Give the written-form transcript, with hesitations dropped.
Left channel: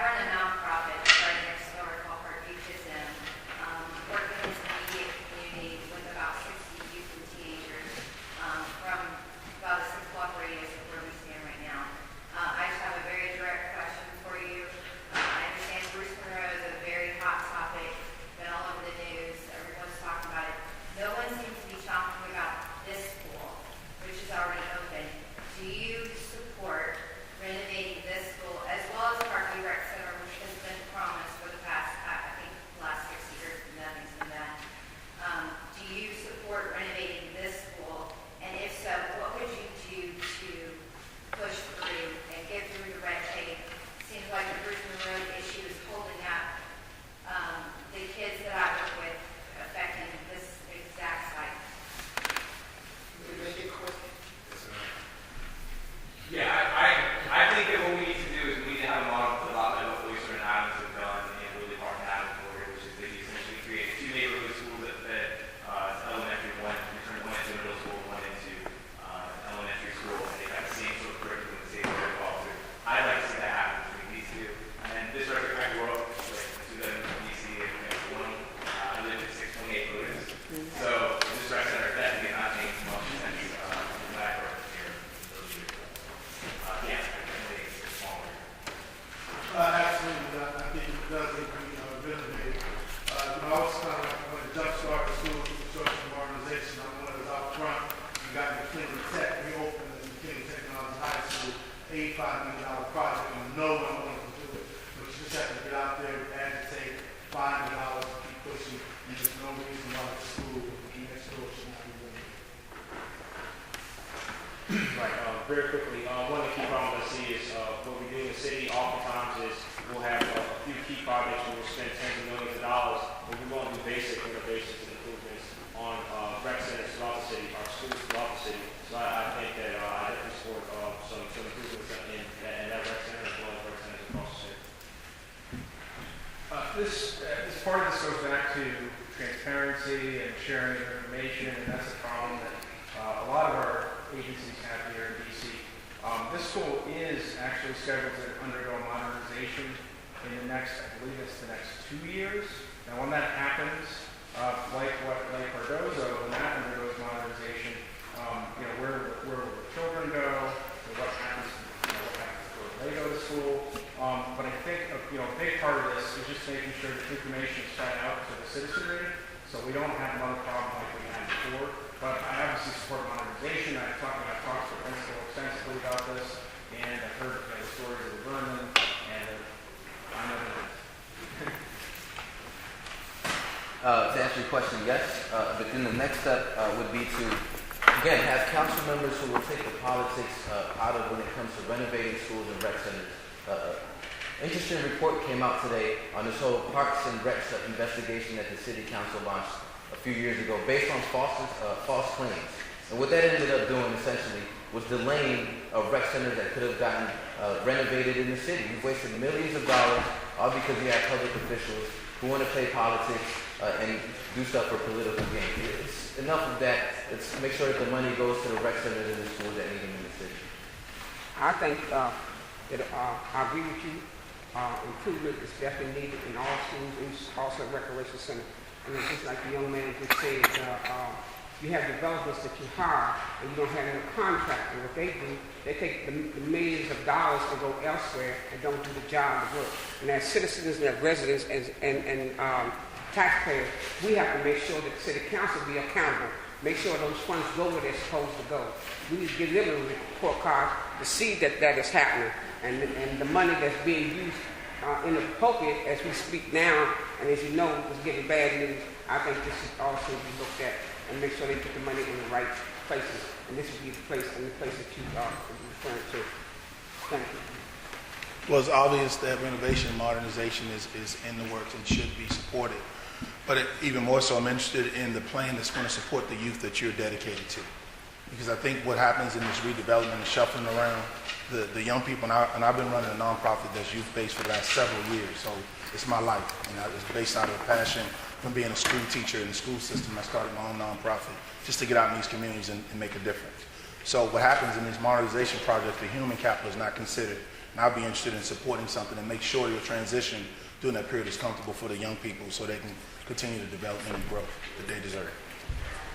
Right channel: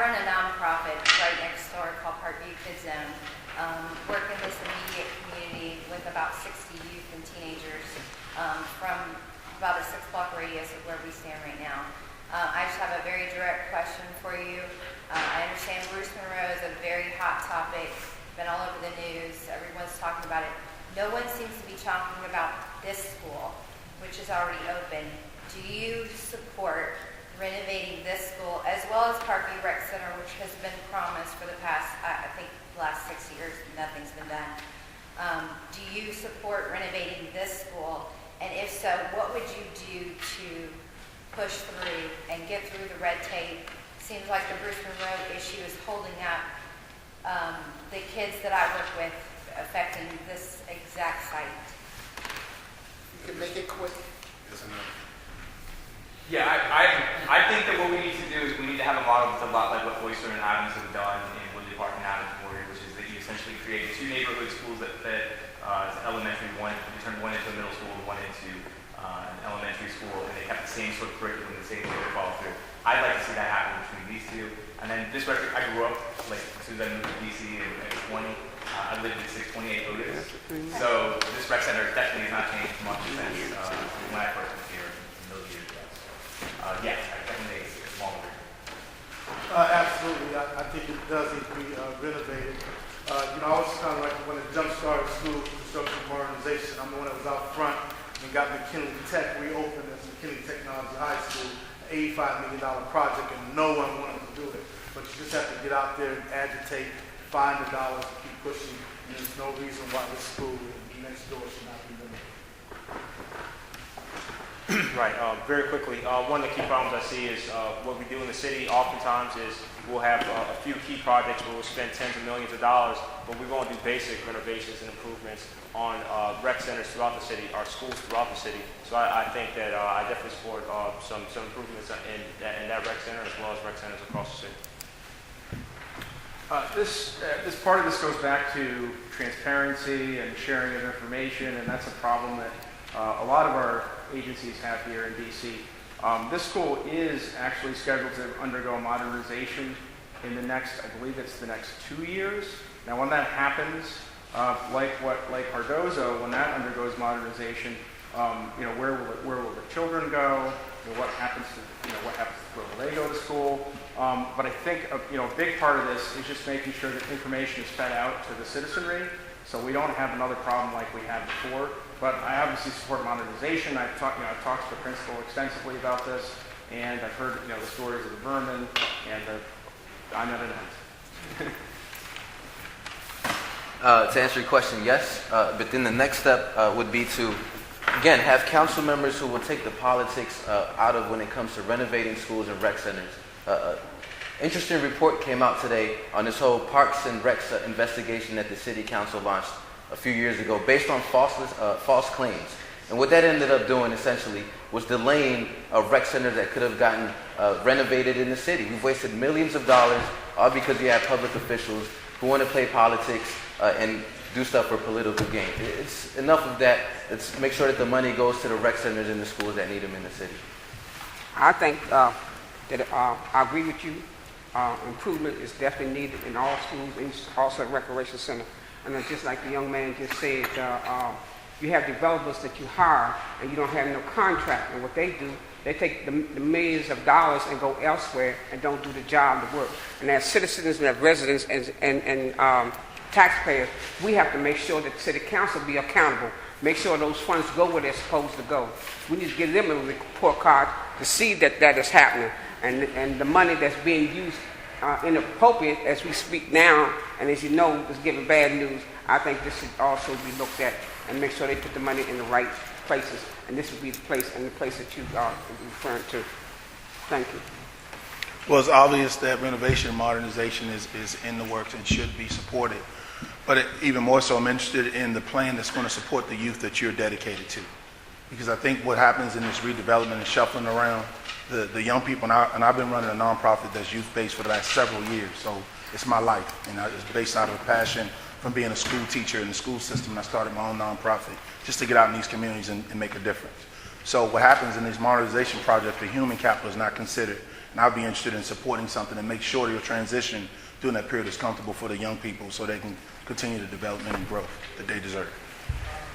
run a nonprofit right next door called Parkview, work in this immediate community with about 60 youth and teenagers from about a 6-block radius of where we stand right now. I just have a very direct question for you. I understand Bruce Monroe is a very hot topic, been all over the news, everyone's talking about it. No one seems to be talking about this school, which is already open. Do you support renovating this school as well as Parkview Rec Center, which has been promised for the past, I think, last 6 years, nothing's been done? Do you support renovating this school? And if so, what would you do to push through and get through the red tape? Seems like the Bruce Monroe issue is holding up the kids that I work with, affecting this exact site. You can make it quick. Yeah, I think that what we need to do is we need to have a model that's a lot like what Oyster and Adams have done in Woodley Park and Adams Memorial, which is that you essentially create 2 neighborhood schools that elementary, turn one into middle school, one into elementary school, and they have the same sort of curriculum, the same sort of follow through. I'd like to see that happen between these two. And then this way, I grew up, like, as soon as I moved to DC in 20, I lived in 628 Otis. So this rec center definitely has not changed much since when I first was here those years ago. Yes, I definitely a small one. Absolutely. I think it does need to be renovated. I always kind of like when it jump-started school construction modernization, I'm the one that was out front. We got McKinley Tech. We opened as McKinley Technology High School, an $85 million project, and no one wanted to do it. But you just have to get out there and agitate, find the dollars, keep pushing, and there's no reason why this school next door should not be renovated. Right. Very quickly, one of the key problems I see is what we do in the city oftentimes is we'll have a few key projects where we'll spend tens of millions of dollars, but we won't do basic renovations and improvements on rec centers throughout the city, our schools throughout the city. So I think that I definitely support some improvements in that rec center as well as rec centers across the city. This part of this goes back to transparency and sharing of information, and that's a problem that a lot of our agencies have here in DC. This school is actually scheduled to undergo modernization in the next, I believe it's the next 2 years. Now, when that happens, like Cardozo, when that undergoes modernization, where will the children go? What happens to they go to school? But I think a big part of this is just making sure that information is fed out to the citizenry, so we don't have another problem like we had before. But I obviously support modernization. I've talked to the principal extensively about this, and I've heard the stories of the vermin, and I know that. To answer your question, yes. But then the next step would be to, again, have council members who will take the politics out of when it comes to renovating schools and rec centers. Interesting report came out today on this whole Parks and Recs investigation that the city council launched a few years ago based on false claims. And what that ended up doing essentially was delaying rec centers that could have gotten renovated in the city. We've wasted millions of dollars all because you have public officials who want to play politics and do stuff for political gain. It's enough of that. Let's make sure that the money goes to the rec centers and the schools that need them in the city. I think that I agree with you. Improvement is definitely needed in all schools, and also at recreation center. And it's just like the young man just said, you have developers that you hire and you don't have no contract. And what they do, they take the millions of dollars and go elsewhere and don't do the job, the work. And as citizens and as residents and taxpayers, we have to make sure that the city council be accountable. Make sure those funds go where they're supposed to go. We need to give them a report card to see that that is happening. And the money that's being used inappropriate as we speak now, and as you know, is giving bad news. I think this should also be looked at and make sure they put the money in the right places. And this would be the place that you are referring to. Thank you. Well, it's obvious that renovation and modernization is in the works and should be supported. But even more so, I'm interested in the plan that's going to support the youth that you're dedicated to. Because I think what happens in this redevelopment and shuffling around the young people, and I've been running a nonprofit that's youth-based for the last several years, so it's my life. And it's based out of a passion from being a school teacher in the school system. I started my own nonprofit just to get out in these communities and make a difference. So what happens in these modernization projects, the human capital is not considered. And I'll be interested in supporting something and make sure your transition during that period is comfortable for the young people so they can continue the development and growth that they deserve.